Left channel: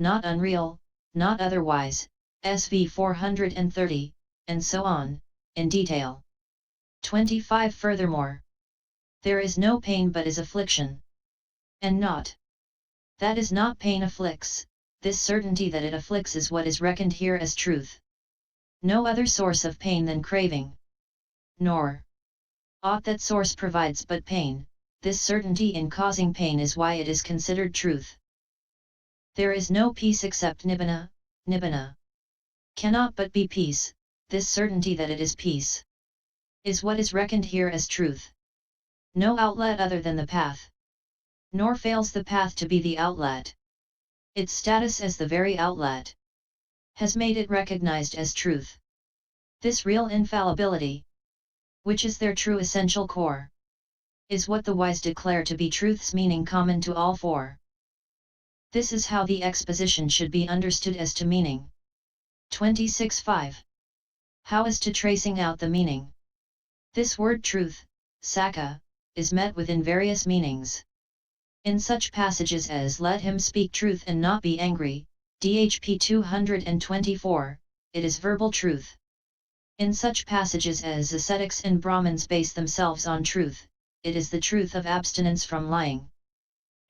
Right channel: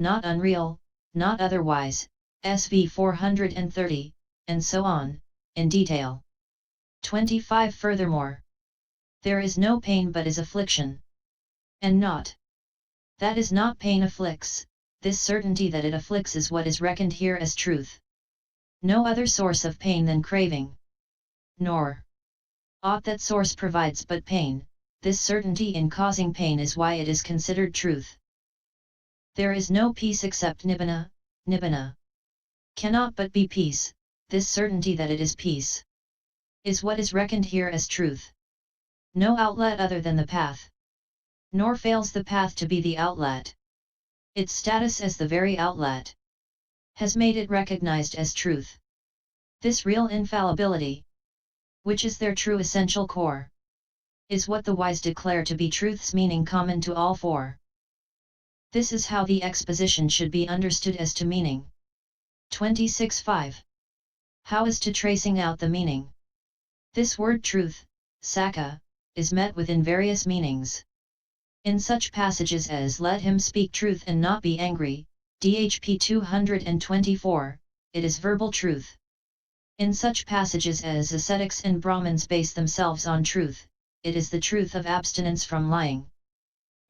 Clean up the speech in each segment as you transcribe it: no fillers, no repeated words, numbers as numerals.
not unreal, not otherwise, SV 430, and so on, in detail. 25. Furthermore, there is no pain but is affliction. And naught that is not pain afflicts, this certainty that it afflicts is what is reckoned here as truth. No other source of pain than craving. Nor aught that source provides but pain, this certainty in causing pain is why it is considered truth. There is no peace except Nibbana, Nibbana cannot but be peace, this certainty that it is peace is what is reckoned here as truth. No outlet other than the path. Nor fails the path to be the outlet. Its status as the very outlet has made it recognized as truth. This real infallibility, which is their true essential core, is what the wise declare to be truth's meaning common to all four. This is how the exposition should be understood as to meaning. 26.5. How as to tracing out the meaning. This word truth, sacca, is met with in various meanings. In such passages as let him speak truth and not be angry, DHP 224, it is verbal truth. In such passages as ascetics and brahmans base themselves on truth, it is the truth of abstinence from lying.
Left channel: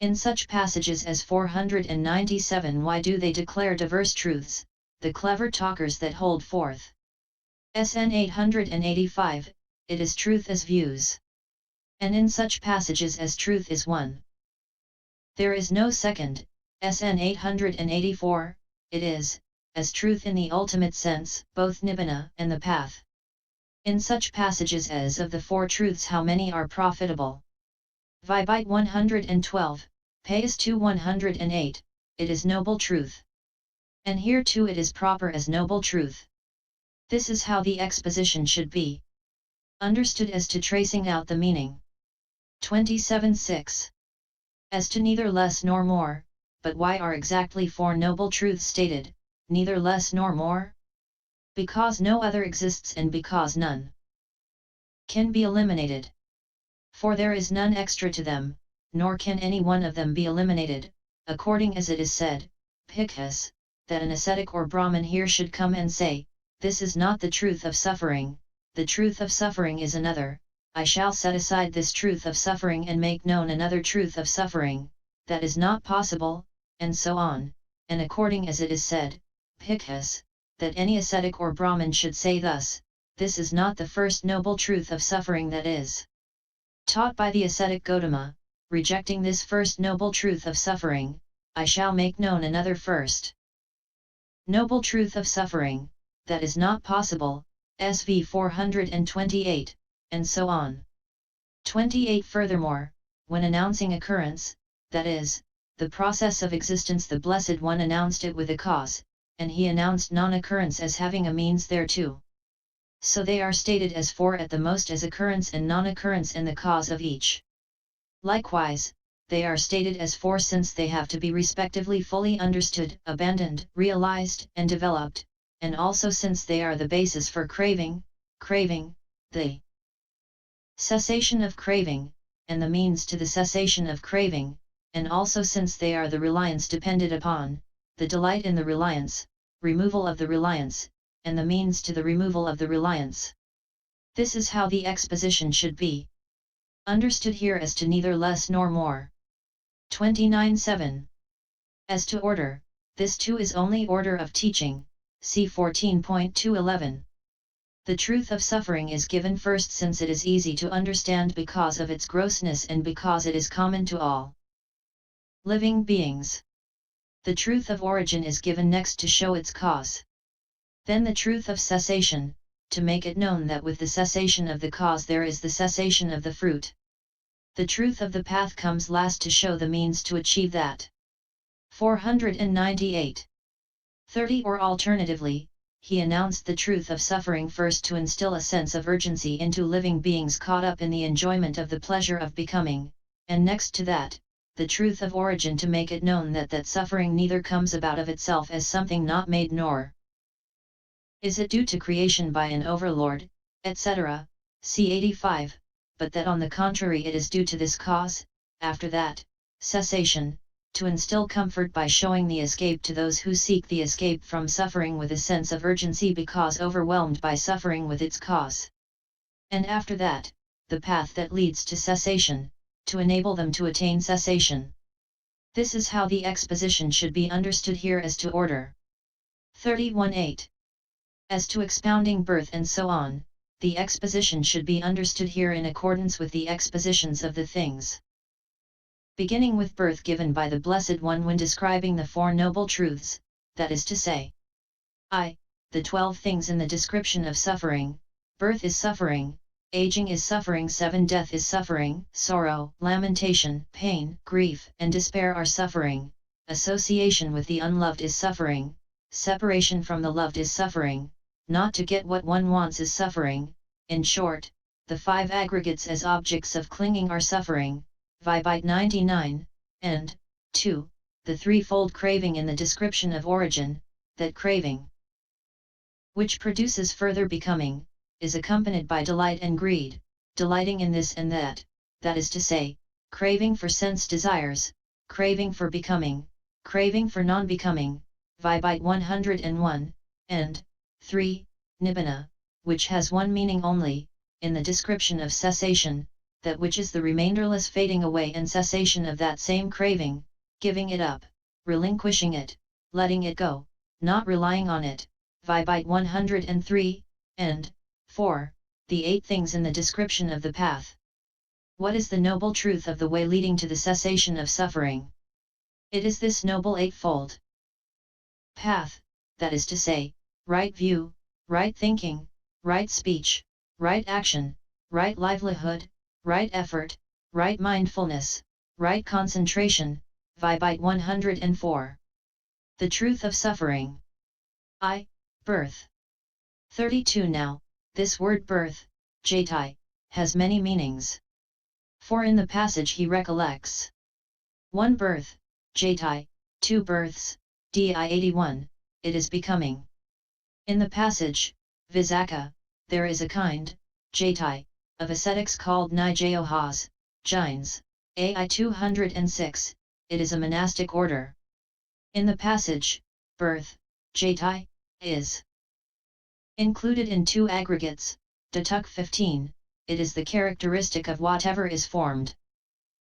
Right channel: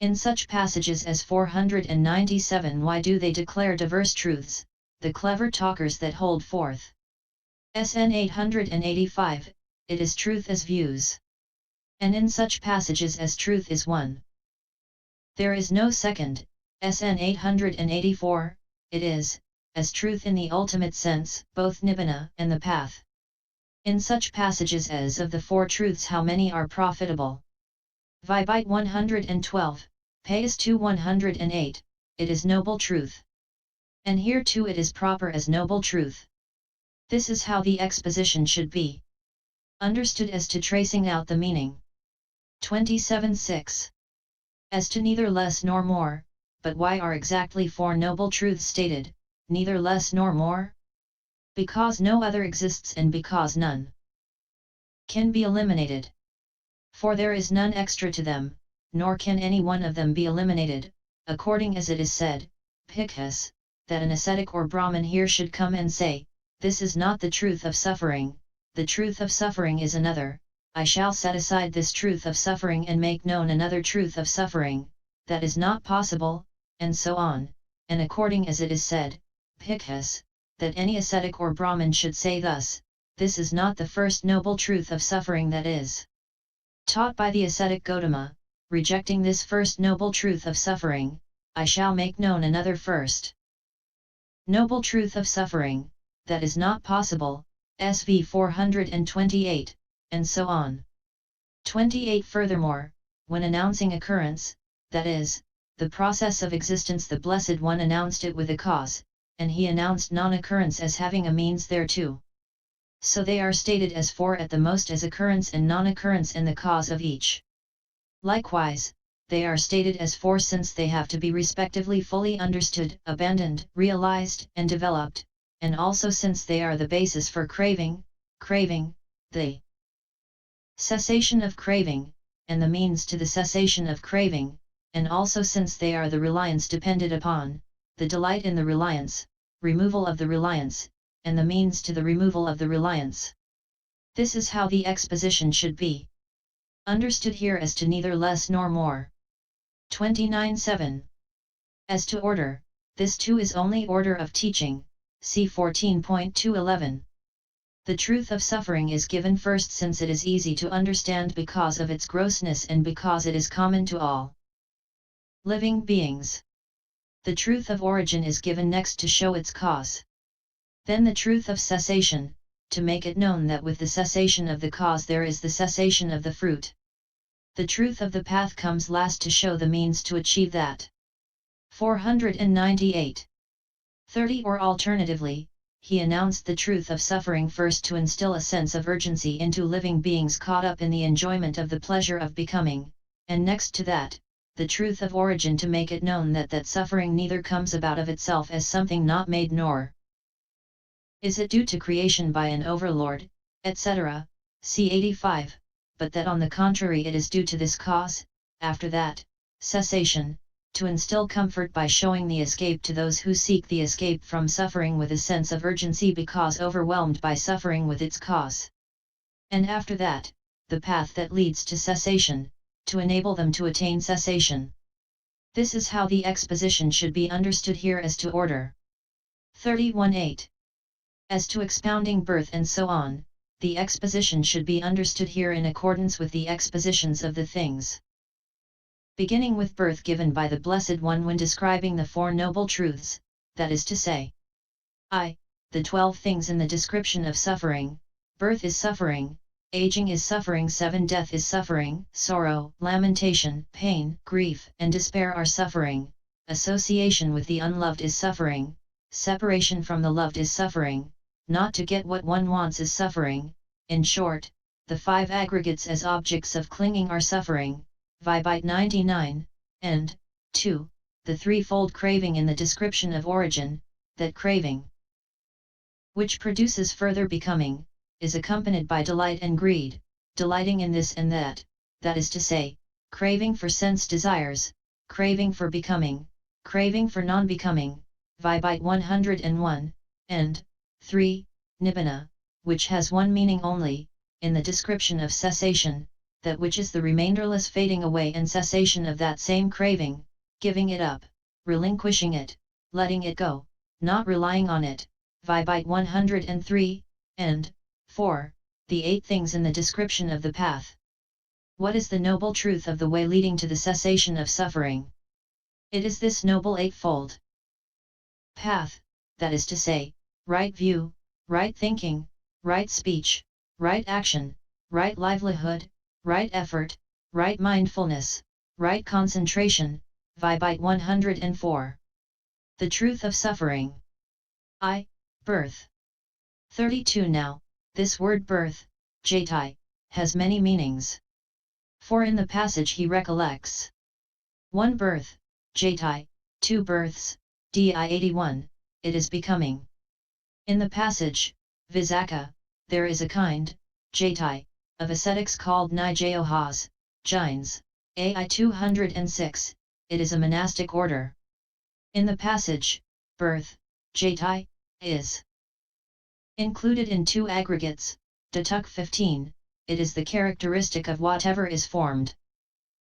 In such passages as 497, why do they declare diverse truths, the clever talkers that hold forth. SN 885, it is truth as views. And in such passages as truth is one, there is no second, SN 884, it is, as truth in the ultimate sense, both Nibbana and the path. In such passages as of the four truths how many are profitable. Vibite 112, Payas 2 108, it is noble truth. And here too it is proper as noble truth. This is how the exposition should be understood as to tracing out the meaning. 27.6. As to neither less nor more, but why are exactly four noble truths stated, neither less nor more? Because no other exists and because none can be eliminated. For there is none extra to them, nor can any one of them be eliminated, according as it is said, Bhikkhus, that an ascetic or Brahman here should come and say, this is not the truth of suffering, the truth of suffering is another, I shall set aside this truth of suffering and make known another truth of suffering, that is not possible, and so on, and according as it is said, Bhikkhus, that any ascetic or Brahman should say thus, this is not the first noble truth of suffering that is taught by the ascetic Gautama, rejecting this first noble truth of suffering, I shall make known another first noble truth of suffering, that is not possible, SV 428, and so on. 28. Furthermore, when announcing occurrence, that is, the process of existence, the Blessed One announced it with a cause, and he announced non-occurrence as having a means thereto. So they are stated as four at the most as occurrence and non-occurrence in the cause of each. Likewise, they are stated as four since they have to be respectively fully understood, abandoned, realized, and developed, and also since they are the basis for craving, the cessation of craving, and the means to the cessation of craving, and also since they are the reliance depended upon, the delight in the reliance, removal of the reliance, and the means to the removal of the reliance. This is how the exposition should be understood here as to neither less nor more. 29.7. As to order, this too is only order of teaching, see 14.211. The truth of suffering is given first since it is easy to understand because of its grossness and because it is common to all living beings. The truth of origin is given next to show its cause. Then the truth of cessation, to make it known that with the cessation of the cause there is the cessation of the fruit. The truth of the path comes last to show the means to achieve that. 498. 30. Or alternatively, he announced the truth of suffering first to instill a sense of urgency into living beings caught up in the enjoyment of the pleasure of becoming, and next to that, the truth of origin to make it known that suffering neither comes about of itself as something not made nor is it due to creation by an overlord, etc., c. 85, but that on the contrary it is due to this cause, after that, cessation, to instill comfort by showing the escape to those who seek the escape from suffering with a sense of urgency because overwhelmed by suffering with its cause. And after that, the path that leads to cessation, to enable them to attain cessation. This is how the exposition should be understood here as to order. 31.8. As to expounding birth and so on, the exposition should be understood here in accordance with the expositions of the things. Beginning with birth given by the Blessed One when describing the Four Noble Truths, that is to say, the 12 things in the description of suffering: birth is suffering, aging is suffering, 7 death is suffering, sorrow, lamentation, pain, grief, and despair are suffering, association with the unloved is suffering, separation from the loved is suffering, not to get what one wants is suffering. In short, the 5 aggregates as objects of clinging are suffering. Vibite 99, and 2. The threefold craving in the description of origin, that craving, which produces further becoming, is accompanied by delight and greed, delighting in this and that, that is to say, craving for sense desires, craving for becoming, craving for non-becoming. Vibite 101, and 3. Nibbana, which has one meaning only, in the description of cessation, that which is the remainderless fading away and cessation of that same craving, giving it up, relinquishing it, letting it go, not relying on it. Vibite 103, and 4. The 8 things in the description of the path. What is the noble truth of the way leading to the cessation of suffering? It is this noble eightfold path, that is to say, right view, right thinking, right speech, right action, right livelihood, right effort, right mindfulness, right concentration. Vibite 104. The truth of suffering. Birth. 32. Now, this word birth, jatai, has many meanings. For in the passage he recollects 1 birth, jatai, 2 births, di 81, it is becoming. In the passage, visakha, there is a kind, jatai, of ascetics called Nijayohas, Jains, ai 206, it is a monastic order. In the passage, birth, jatai, is included in 2 aggregates, datuk 15, it is the characteristic of whatever is formed.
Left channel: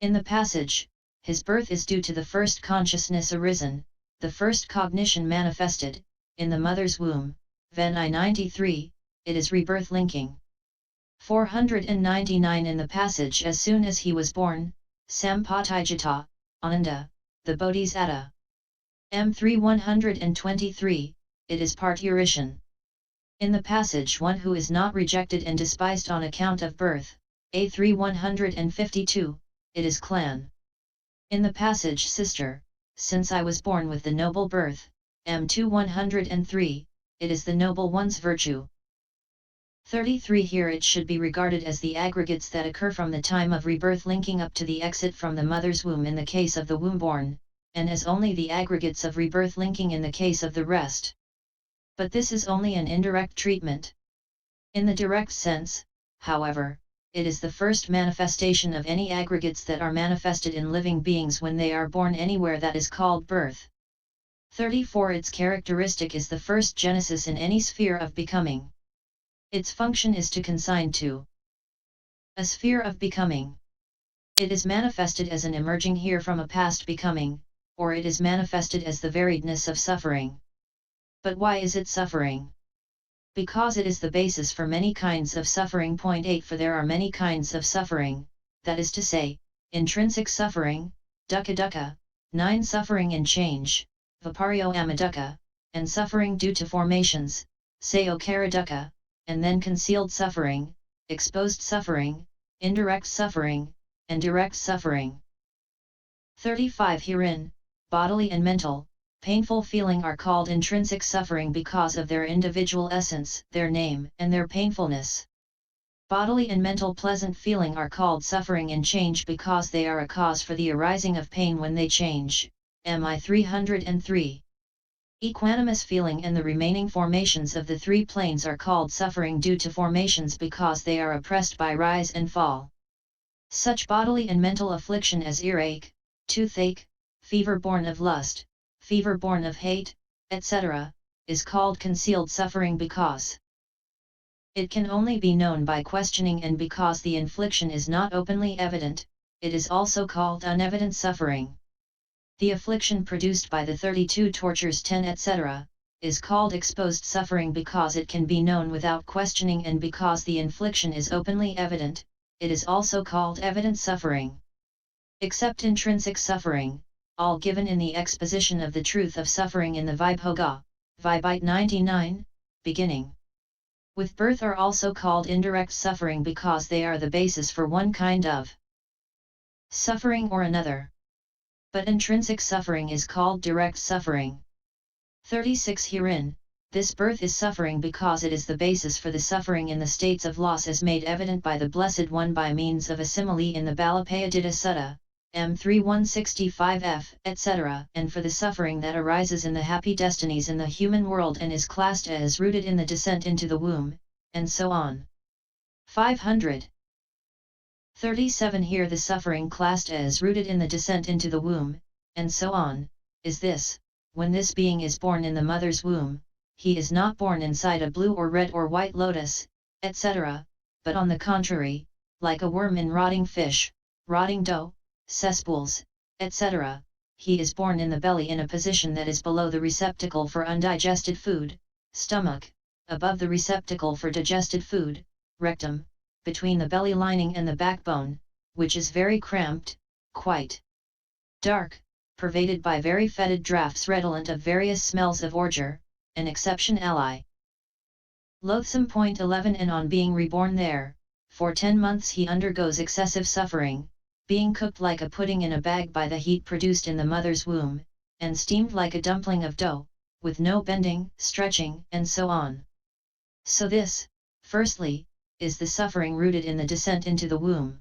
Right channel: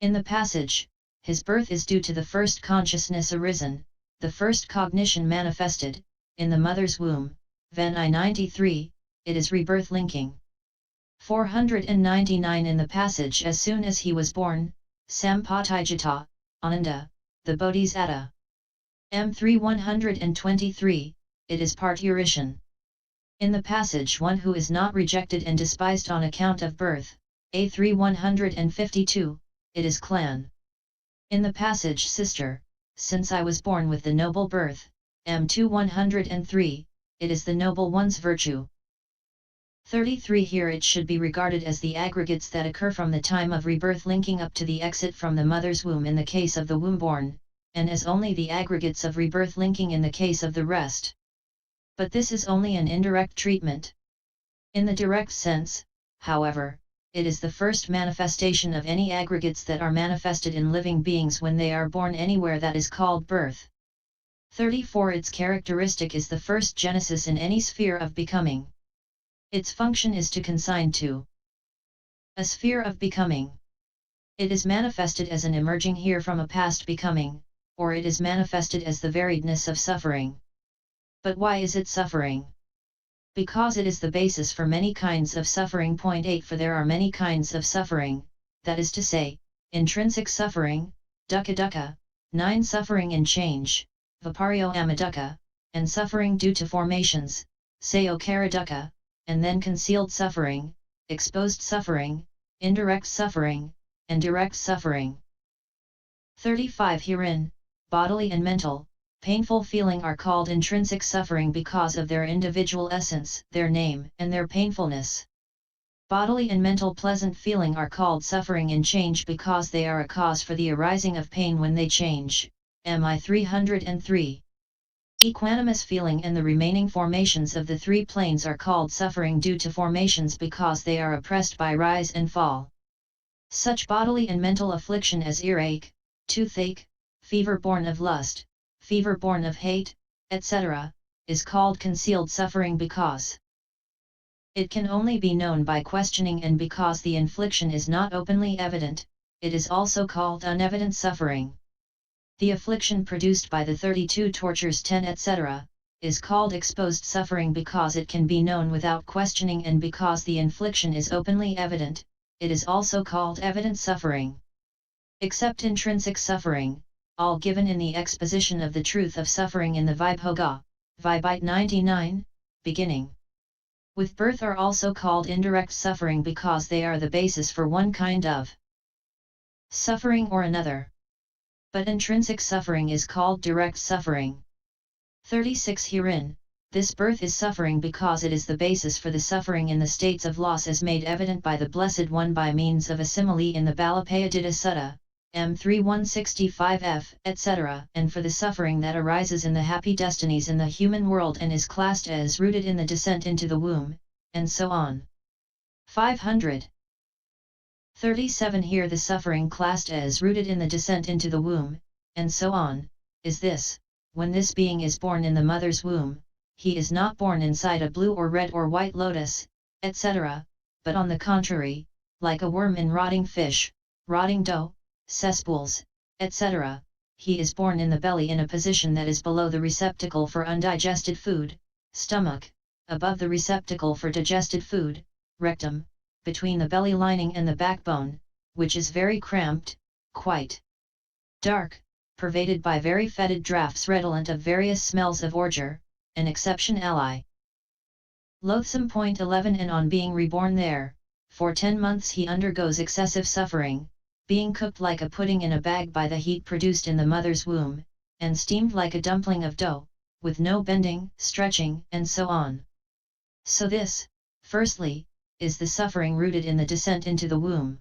In the passage, his birth is due to the first consciousness arisen, the first cognition manifested, in the mother's womb. Ven I 93, it is rebirth linking. 499 in the passage as soon as he was born, Sampatijata, Ananda, the Bodhisattva. M3 123, it is parturition. In the passage one who is not rejected and despised on account of birth, A3 152, it is clan. In the passage sister, since I was born with the noble birth, M2 103, it is the noble one's virtue. 33 Here it should be regarded as the aggregates that occur from the time of rebirth linking up to the exit from the mother's womb in the case of the womb-born, and as only the aggregates of rebirth linking in the case of the rest. But this is only an indirect treatment. In the direct sense, however, it is the first manifestation of any aggregates that are manifested in living beings when they are born anywhere that is called birth. 34 Its characteristic is the first genesis in any sphere of becoming. Its function is to consign to a sphere of becoming. It is manifested as an emerging here from a past becoming, or it is manifested as the variedness of suffering. But why is it suffering? Because it is the basis for many kinds of suffering. 8 For there are many kinds of suffering, that is to say, intrinsic suffering, dukkha dukkha, 9 suffering in change, viparyo amadukkha, and suffering due to formations, sayokara dukkha, and then concealed suffering, exposed suffering, indirect suffering, and direct suffering. 35 Herein, bodily and mental, painful feeling are called intrinsic suffering because of their individual essence, their name, and their painfulness. Bodily and mental pleasant feeling are called suffering in change because they are a cause for the arising of pain when they change. MI 303. Equanimous feeling and the remaining formations of the 3 planes are called suffering due to formations because they are oppressed by rise and fall. Such bodily and mental affliction as earache, toothache, fever born of lust, fever born of hate, etc., is called concealed suffering because it can only be known by questioning, and because the infliction is not openly evident, it is also called unevident suffering. The affliction produced by the 32 tortures 10 etc., is called exposed suffering because it can be known without questioning, and because the infliction is openly evident, it is also called evident suffering. Except intrinsic suffering, all given in the exposition of the truth of suffering in the Vibhoga, Vibhite 99, beginning with birth, are also called indirect suffering because they are the basis for one kind of suffering or another. But intrinsic suffering is called direct suffering. 36 Herein, this birth is suffering because it is the basis for the suffering in the states of loss as made evident by the Blessed One by means of a simile in the Balapayadita Sutta, M3165f, etc., and for the suffering that arises in the happy destinies in the human world and is classed as rooted in the descent into the womb, and so on. 537 Here the suffering classed as rooted in the descent into the womb, and so on, is this: when this being is born in the mother's womb, he is not born inside a blue or red or white lotus, etc., but on the contrary, like a worm in rotting fish, rotting dough, cesspools, etc., he is born in the belly in a position that is below the receptacle for undigested food, stomach, above the receptacle for digested food, rectum, between the belly lining and the backbone, which is very cramped, quite dark, pervaded by very fetid draughts redolent of various smells of ordure, an exception ally. Loathsome. 11 And on being reborn there, for 10 months he undergoes excessive suffering, being cooked like a pudding in a bag by the heat produced in the mother's womb, and steamed like a dumpling of dough, with no bending, stretching, and so on. So this, firstly, is the suffering rooted in the descent into the womb.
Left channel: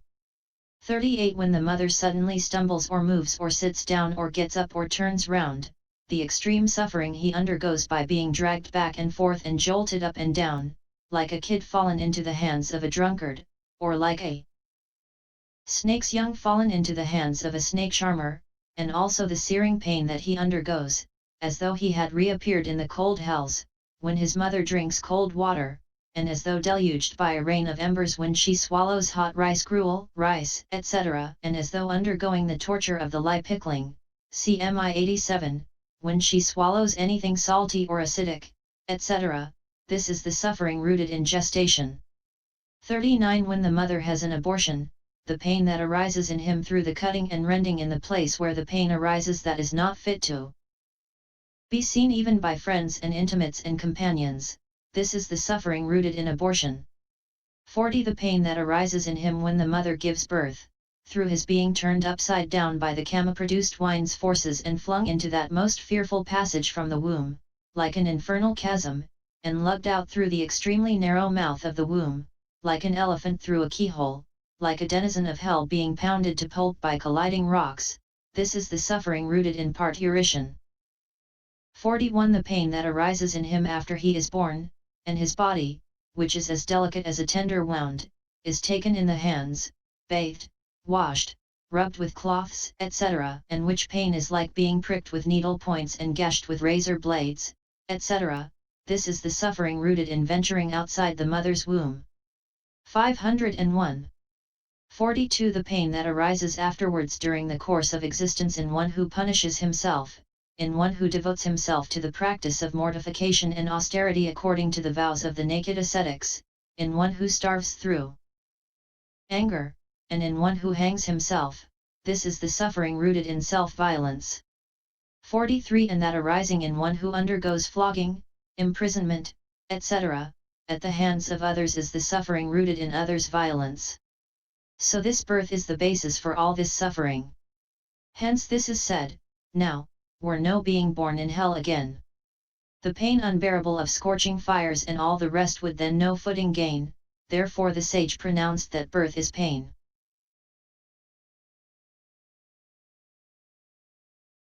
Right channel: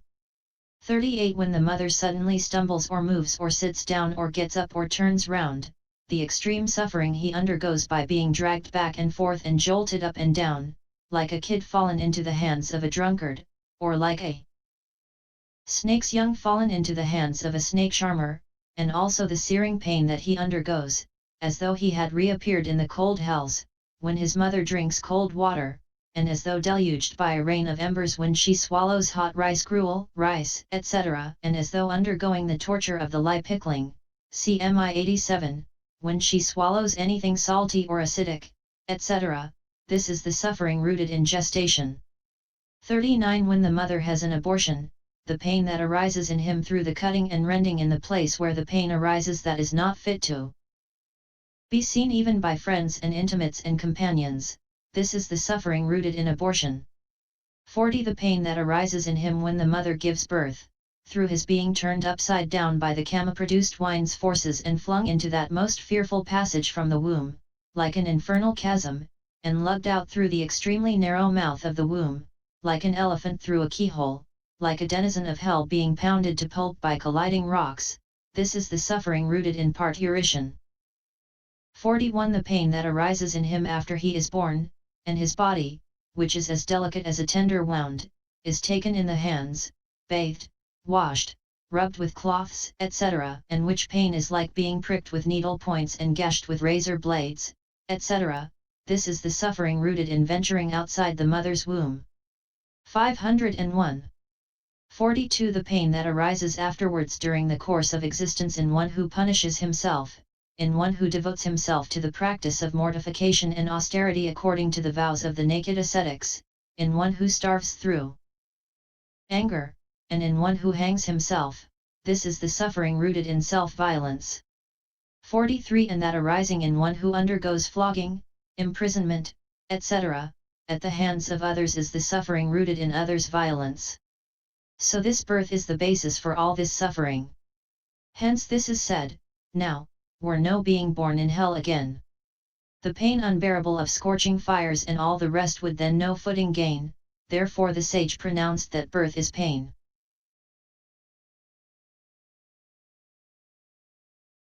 38 When the mother suddenly stumbles or moves or sits down or gets up or turns round, the extreme suffering he undergoes by being dragged back and forth and jolted up and down, like a kid fallen into the hands of a drunkard, or like a snake's young fallen into the hands of a snake charmer, and also the searing pain that he undergoes, as though he had reappeared in the cold hells, when his mother drinks cold water, and as though deluged by a rain of embers when she swallows hot rice gruel, rice, etc., and as though undergoing the torture of the lye pickling, CMI 87, when she swallows anything salty or acidic, etc., this is the suffering rooted in gestation. 39 When the mother has an abortion, the pain that arises in him through the cutting and rending in the place where the pain arises that is not fit to be seen even by friends and intimates and companions, this is the suffering rooted in abortion. 40 The pain that arises in him when the mother gives birth, through his being turned upside down by the kama-produced wine's forces and flung into that most fearful passage from the womb, like an infernal chasm, and lugged out through the extremely narrow mouth of the womb, like an elephant through a keyhole, like a denizen of hell being pounded to pulp by colliding rocks, this is the suffering rooted in parturition. 41 The pain that arises in him after he is born, and his body, which is as delicate as a tender wound, is taken in the hands, bathed, washed, rubbed with cloths, etc., and which pain is like being pricked with needle points and gashed with razor blades, etc., this is the suffering rooted in venturing outside the mother's womb. 501. 42 The pain that arises afterwards during the course of existence in one who punishes himself, in one who devotes himself to the practice of mortification and austerity according to the vows of the naked ascetics, in one who starves through anger, and in one who hangs himself, this is the suffering rooted in self-violence. 43 And that arising in one who undergoes flogging, imprisonment, etc., at the hands of others is the suffering rooted in others' violence. So this birth is the basis for all this suffering. Hence this is said, now, were no being born in hell again. The pain unbearable of scorching fires and all the rest would then no footing gain, therefore the sage pronounced that birth is pain.